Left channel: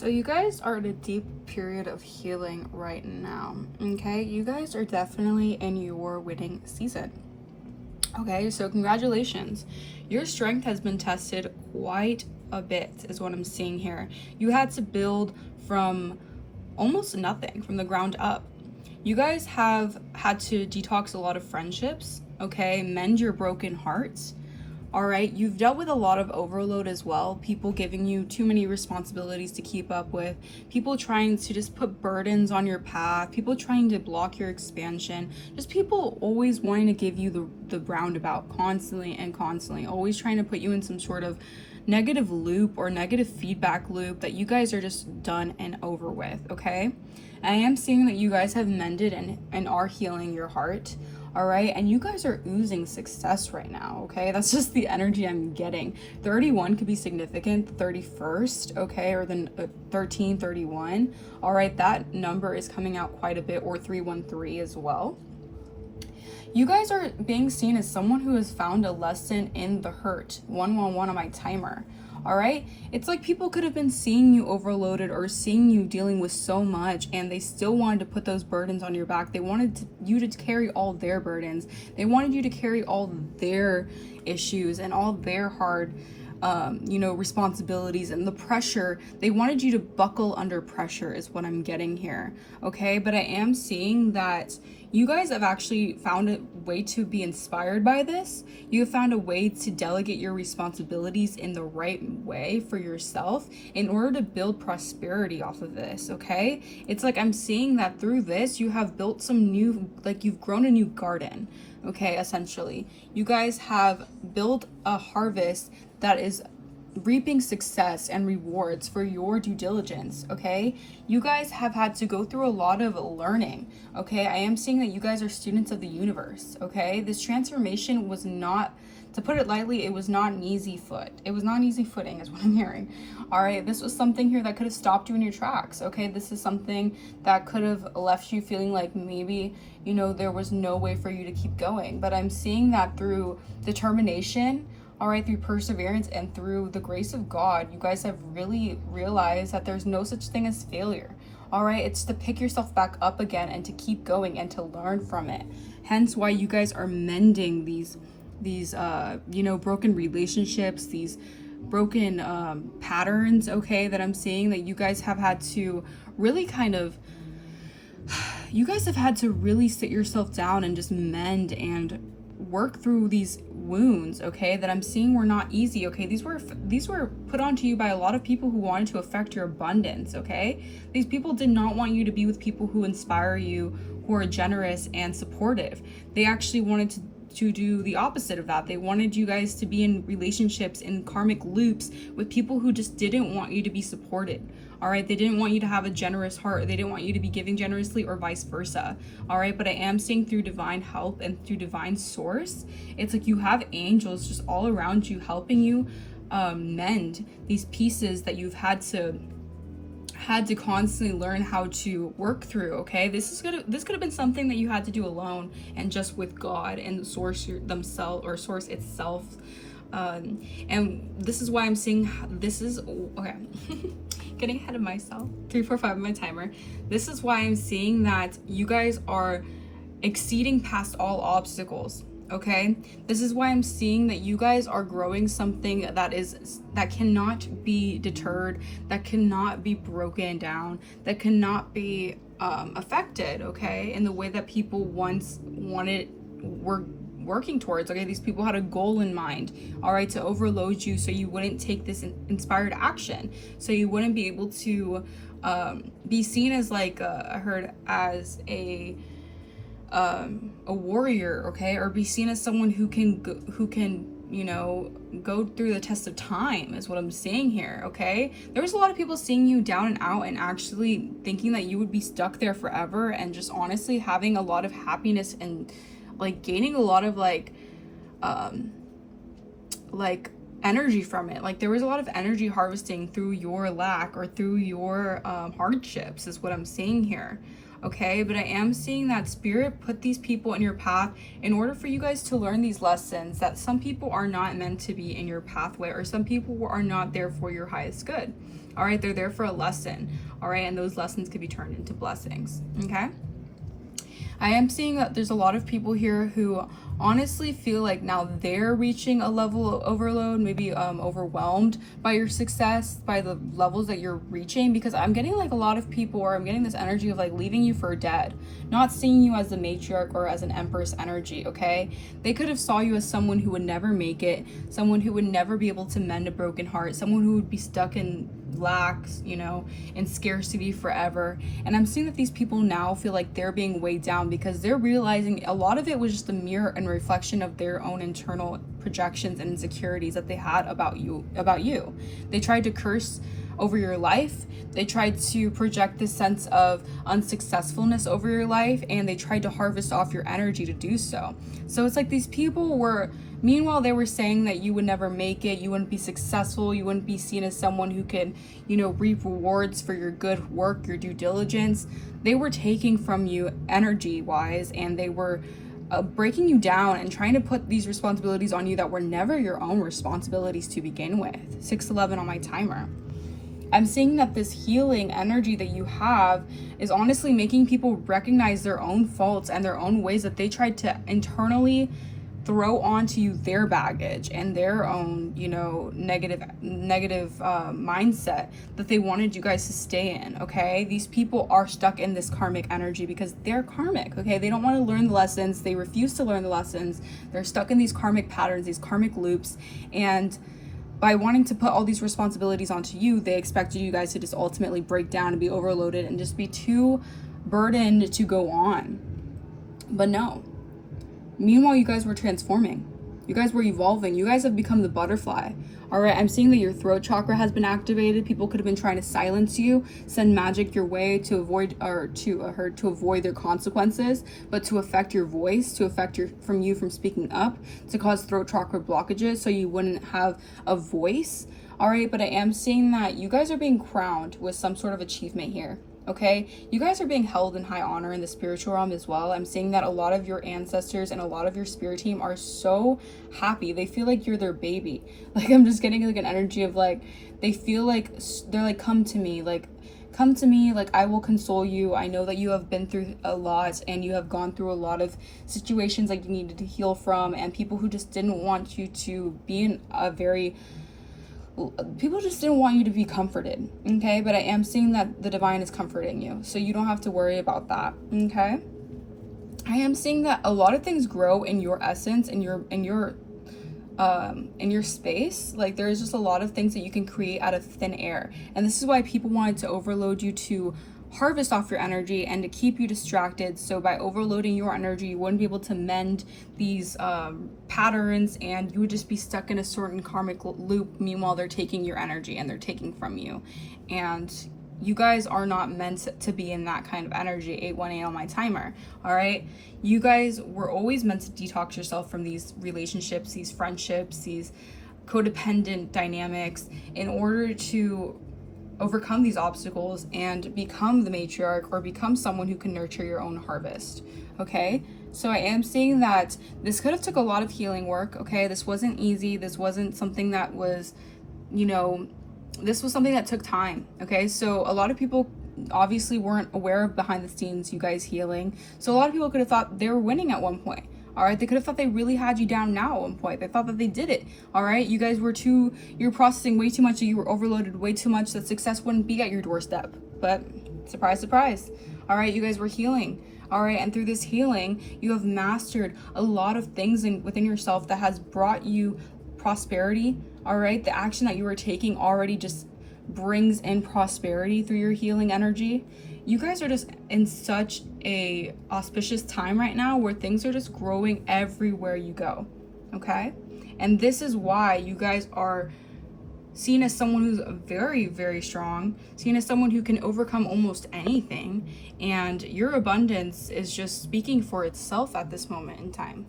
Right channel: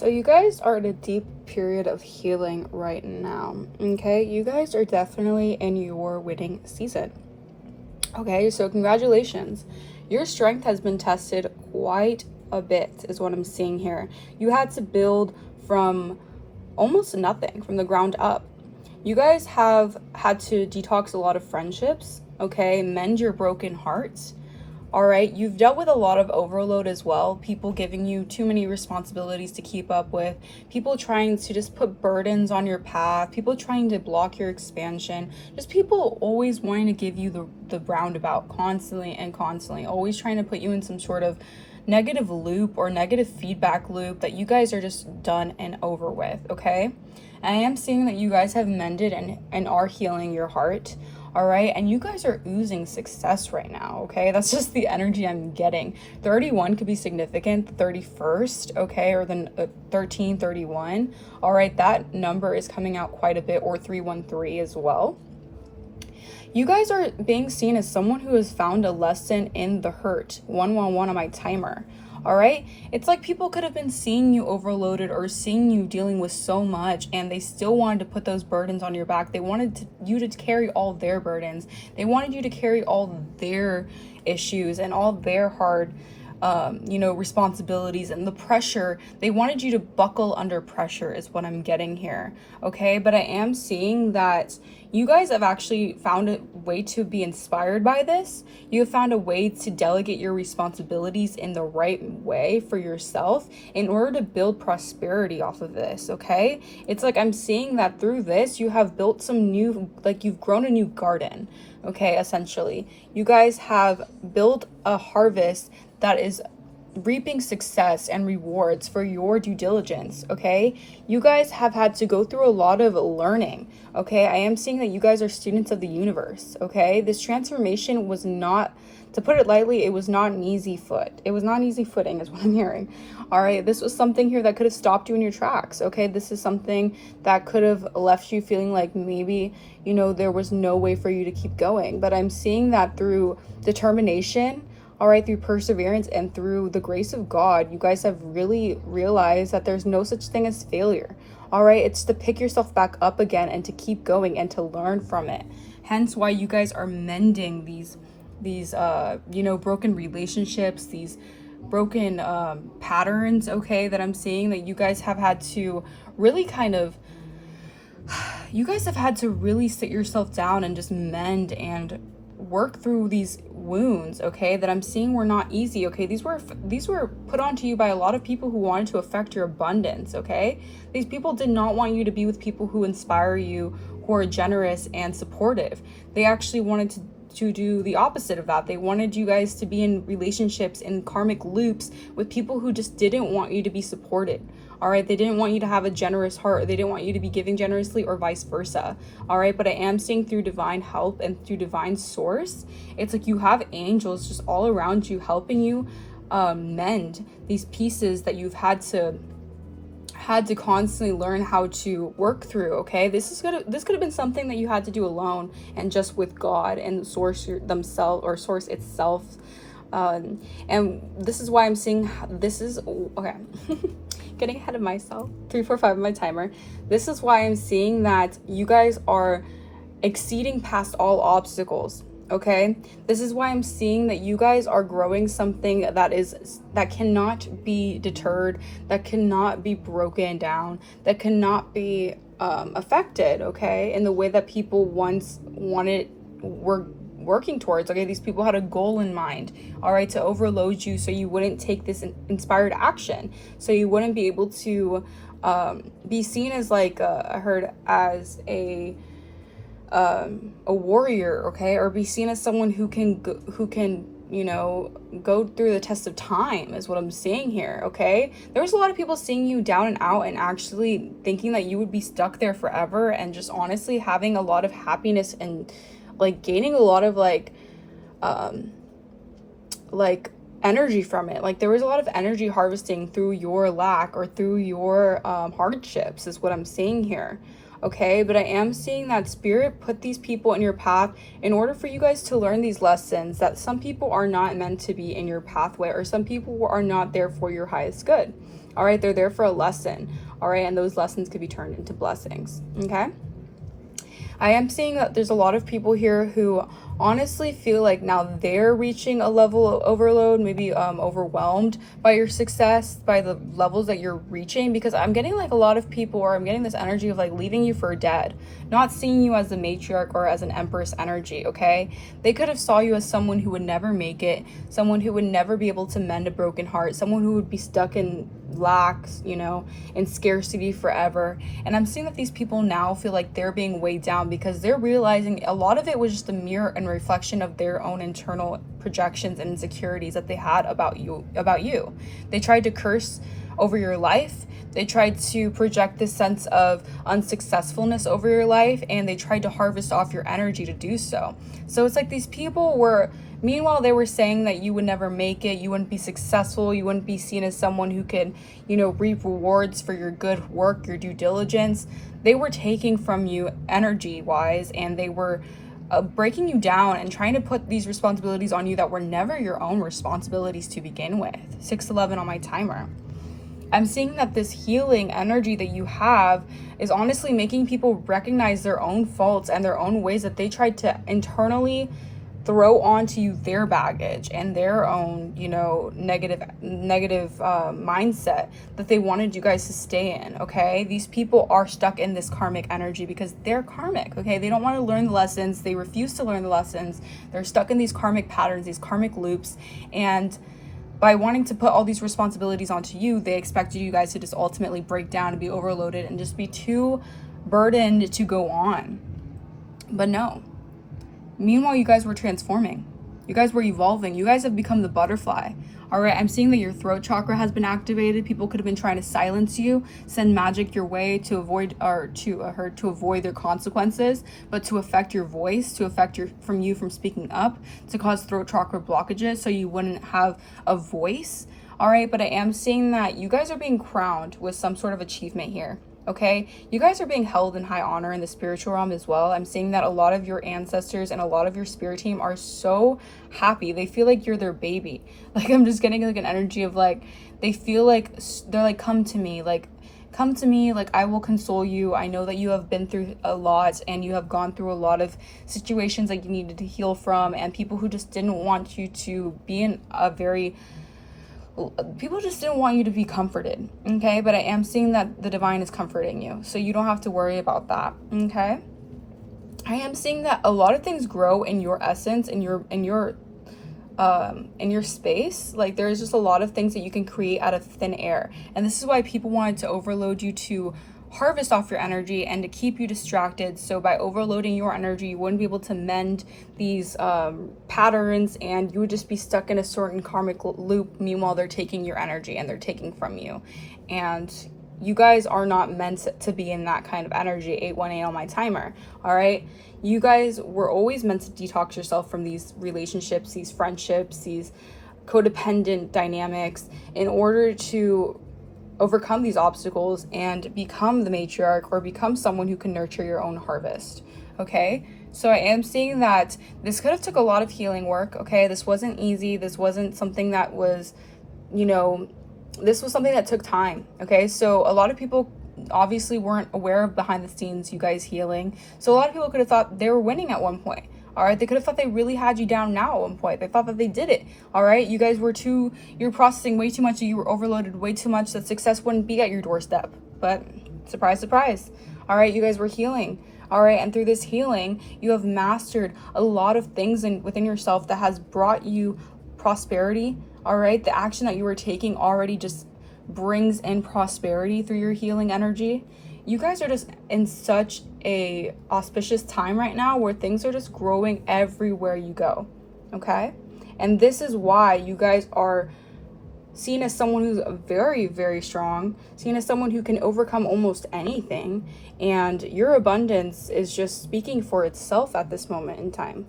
So you guys are in a deep period of healing right now, okay? You guys are definitely in your winning season. Okay, so congratulations. Your strength has been tested quite a bit, is what I'm seeing here. You had to build from almost nothing, from the ground up. You guys have had to detox a lot of friendships, okay? Mend your broken hearts. All right, you've dealt with a lot of overload as well. People giving you too many responsibilities to keep up with. People trying to just put burdens on your path. People trying to block your expansion. Just people always wanting to give you the roundabout constantly and constantly. Always trying to put you in some sort of negative loop or negative feedback loop that you guys are just done and over with, okay? And I am seeing that you guys have mended and are healing your heart. All right, and you guys are oozing success right now, okay? That's just the energy I'm getting. 31 could be significant, 31st, okay, or then 1331. All right, that number is coming out quite a bit, or 313 as well. You guys are being seen as someone who has found a lesson in the hurt. 111 on my timer. All right, it's like people could have been seeing you overloaded or seeing you dealing with so much, and they still wanted to put those burdens on your back. They wanted you to carry all their burdens. They wanted you to carry all their issues and all their hard responsibilities and the pressure. They wanted you to buckle under pressure is what I'm getting here, okay? But I am seeing that you guys have actually found a way to be inspired by this. You have found a way to delegate your responsibilities in the right way for yourself in order to build prosperity off of this, okay? It's like I'm seeing that through this, you have built some new, like you've grown a new garden, okay, essentially. You guys have built a harvest that is reaping success and rewards for your due diligence, okay? You guys have had to go through a lot of learning, okay? I am seeing that you guys are students of the universe, okay? This transformation was not, to put it lightly, it was not an easy It was not an easy footing is what I'm hearing. All right, this was something here that could have stopped you in your tracks, okay? This is something that could have left you feeling like maybe, there was no way for you to keep going. But I'm seeing that through determination, all right, through perseverance and through the grace of God, you guys have really realized that there's no such thing as failure. All right, it's to pick yourself back up again and to keep going and to learn from it. Hence why you guys are mending these broken relationships, these broken patterns, okay, that I'm seeing that you guys have had to really you guys have had to really sit yourself down and just mend and work through these wounds, okay, that I'm seeing were not easy, okay? These were put onto you by a lot of people who wanted to affect your abundance, okay? These people did not want you to be with people who inspire you, who are generous and supportive. They actually wanted to do the opposite of that. They wanted you guys to be in relationships, in karmic loops with people who just didn't want you to be supported. All right, they didn't want you to have a generous heart. They didn't want you to be giving generously or vice versa. All right, but I am seeing through divine help and through divine source, it's like you have angels just all around you helping you mend these pieces that you've had to constantly learn how to work through, okay? This could have been something that you had to do alone and just with God and source itself. And this is why I'm seeing okay. Getting ahead of myself. 345 on my timer. This is why I'm seeing that you guys are exceeding past all obstacles. Okay, this is why I'm seeing that you guys are growing something that cannot be deterred, that cannot be broken down, that cannot be affected, okay, in the way that people once were working towards. Okay, these people had a goal in mind, all right, to overload you so you wouldn't take this inspired action, so you wouldn't be able to be seen as like I heard as a warrior, okay, or be seen as someone who can go through the test of time is what I'm seeing here, okay? There's a lot of people seeing you down and out and actually thinking that you would be stuck there forever, and just honestly having a lot of happiness and like gaining a lot of like energy from it. Like there was a lot of energy harvesting through your lack or through your hardships is what I'm seeing here. Okay, but I am seeing that spirit put these people in your path in order for you guys to learn these lessons, that some people are not meant to be in your pathway, or some people are not there for your highest good. All right, they're there for a lesson. All right, and those lessons could be turned into blessings. Okay. I am seeing that there's a lot of people here who honestly feel like now they're reaching a level of overload, maybe overwhelmed by your success, by the levels that you're reaching, because I'm getting like a lot of people, or I'm getting this energy of like leaving you for dead, not seeing you as a matriarch or as an empress energy. Okay, they could have saw you as someone who would never make it, someone who would never be able to mend a broken heart, someone who would be stuck in lack, you know, in scarcity forever. And I'm seeing that these people now feel like they're being weighed down because they're realizing a lot of it was just a mirror and reflection of their own internal projections and insecurities that they had about you. They tried to curse over your life. They tried to project this sense of unsuccessfulness over your life, and they tried to harvest off your energy to do so. So it's like these people were, meanwhile, they were saying that you would never make it, you wouldn't be successful, you wouldn't be seen as someone who could, you know, reap rewards for your good work, your due diligence. They were taking from you energy-wise, and they were breaking you down and trying to put these responsibilities on you that were never your own responsibilities to begin with. 611 on my timer. I'm seeing that this healing energy that you have is honestly making people recognize their own faults and their own ways that they tried to internally throw onto you their baggage and their own, you know, negative mindset that they wanted you guys to stay in. Okay, these people are stuck in this karmic energy because they're karmic. Okay, they don't want to learn the lessons, they refuse to learn the lessons, they're stuck in these karmic patterns, these karmic loops, and by wanting to put all these responsibilities onto you, they expected you guys to just ultimately break down and be overloaded and just be too burdened to go on. But no. Meanwhile, you guys were transforming. You guys were evolving. You guys have become the butterfly. All right, I'm seeing that your throat chakra has been activated. People could have been trying to silence you, send magic your way to avoid, or to avoid their consequences, but to affect your voice, to affect you from speaking up, to cause throat chakra blockages so you wouldn't have a voice. All right, but I am seeing that you guys are being crowned with some sort of achievement here. Okay, you guys are being held in high honor in the spiritual realm as well. I'm seeing that a lot of your ancestors and a lot of your spirit team are so happy. They feel like you're their baby. Like, I'm just getting like an energy of like, they feel like they're like, come to me, like I will console you. I know that you have been through a lot and you have gone through a lot of situations that you needed to heal from, and people who just didn't want you to be in a very, people just didn't want you to be comforted. Okay, but I am seeing that the divine is comforting you, so you don't have to worry about that. Okay, I am seeing that a lot of things grow in your essence, in your space. Like, there's just a lot of things that you can create out of thin air, and this is why people wanted to overload you to harvest off your energy and to keep you distracted. So by overloading your energy, you wouldn't be able to mend these patterns, and you would just be stuck in a certain karmic loop. Meanwhile, they're taking your energy and they're taking from you, and you guys are not meant to be in that kind of energy. 818 on my timer. All right, you guys were always meant to detox yourself from these relationships, these friendships, these codependent dynamics, in order to overcome these obstacles and become the matriarch, or become someone who can nurture your own harvest. Okay, so I am seeing that this could have took a lot of healing work. Okay, this wasn't easy. This wasn't something that was, you know, this was something that took time. Okay, so a lot of people obviously weren't aware of behind the scenes you guys healing, so a lot of people could have thought they were winning at one point. All right, they could have thought they really had you down now at one point. They thought that they did it. All right, you guys were you're processing way too much, you were overloaded way too much, that success wouldn't be at your doorstep. But surprise, surprise. All right, you guys were healing. All right, and through this healing, you have mastered a lot of things within yourself that has brought you prosperity. All right, the action that you were taking already just brings in prosperity through your healing energy. You guys are just in such a auspicious time right now where things are just growing everywhere you go. Okay, and this is why you guys are seen as someone who's very, very strong, seen as someone who can overcome almost anything, and your abundance is just speaking for itself at this moment in time.